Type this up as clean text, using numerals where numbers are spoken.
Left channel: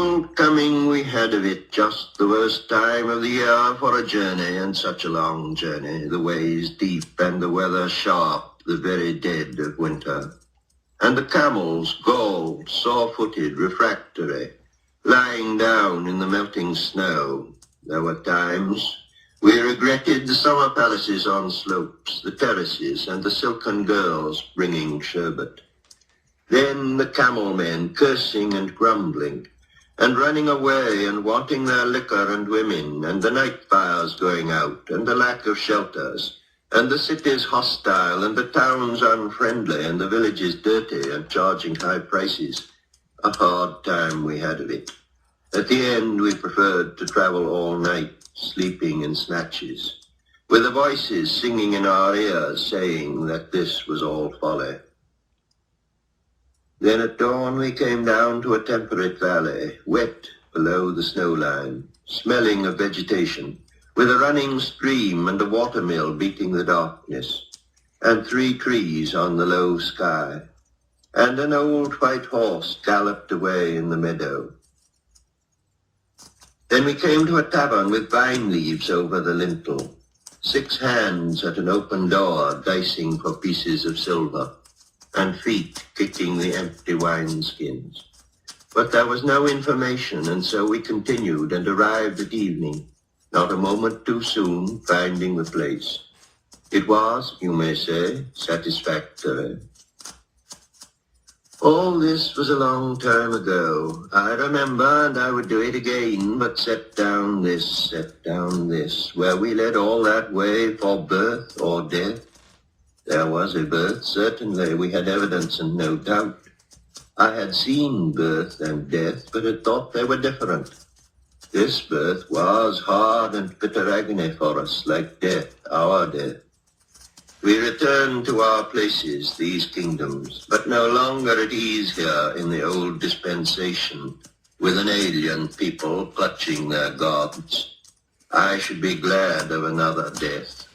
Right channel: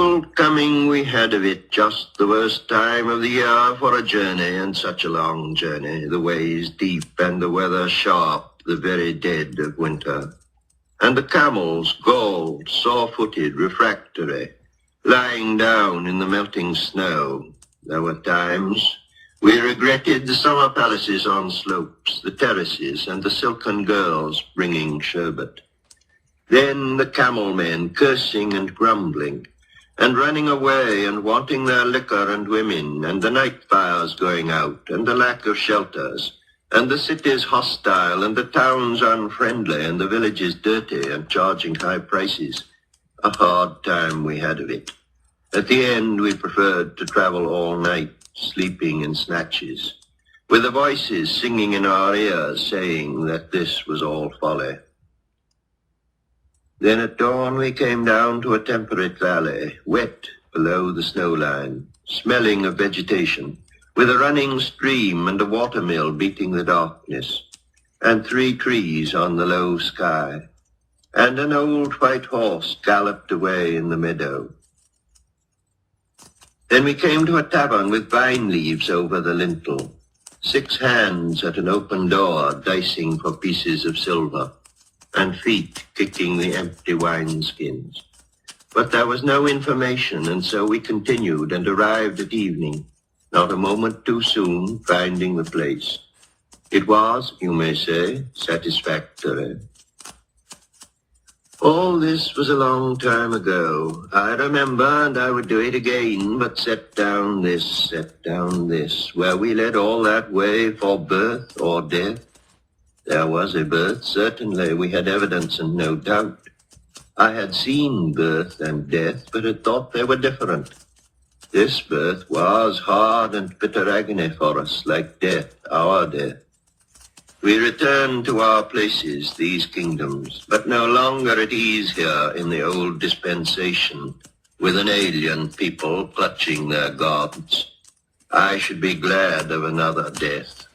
cold coming we had of it, just the worst time of the year for a journey, and such a long journey, the ways deep and the weather sharp, the very dead of winter. And the camels, galled, sore-footed, refractory, lying down in the melting snow. There were times we regretted the summer palaces on slopes, the terraces, and the silken girls bringing sherbet. Then the camel men cursing and grumbling, and running away and wanting their liquor and women, and the night fires going out, and the lack of shelters, and the cities hostile, and the towns unfriendly, and the villages dirty and charging high prices. A hard time we had of it. At the end we preferred to travel all night, sleeping in snatches, with the voices singing in our ears, saying that this was all folly. Then at dawn we came down to a temperate valley, wet below the snow line, smelling of vegetation, with a running stream and a watermill beating the darkness, and 3 trees on the low sky, and an old white horse galloped away in the meadow. Then we came to a tavern with vine leaves over the lintel, 6 hands at an open door dicing for pieces of silver, and feet kicking the empty wineskins. But there was no information, and so we continued and arrived at evening, not a moment too soon, finding the place. It was, you may say, satisfactory. All this was a long time ago. I remember, and I would do it again, but set down this, where we led all that way for birth or death. There was a birth, certainly. We had evidence and no doubt. I had seen birth and death, but had thought they were different. This birth was hard and bitter agony for us, like death, our death. We returned to our places, these kingdoms, but no longer at ease here in the old dispensation, with an alien people clutching their gods. I should be glad of another death.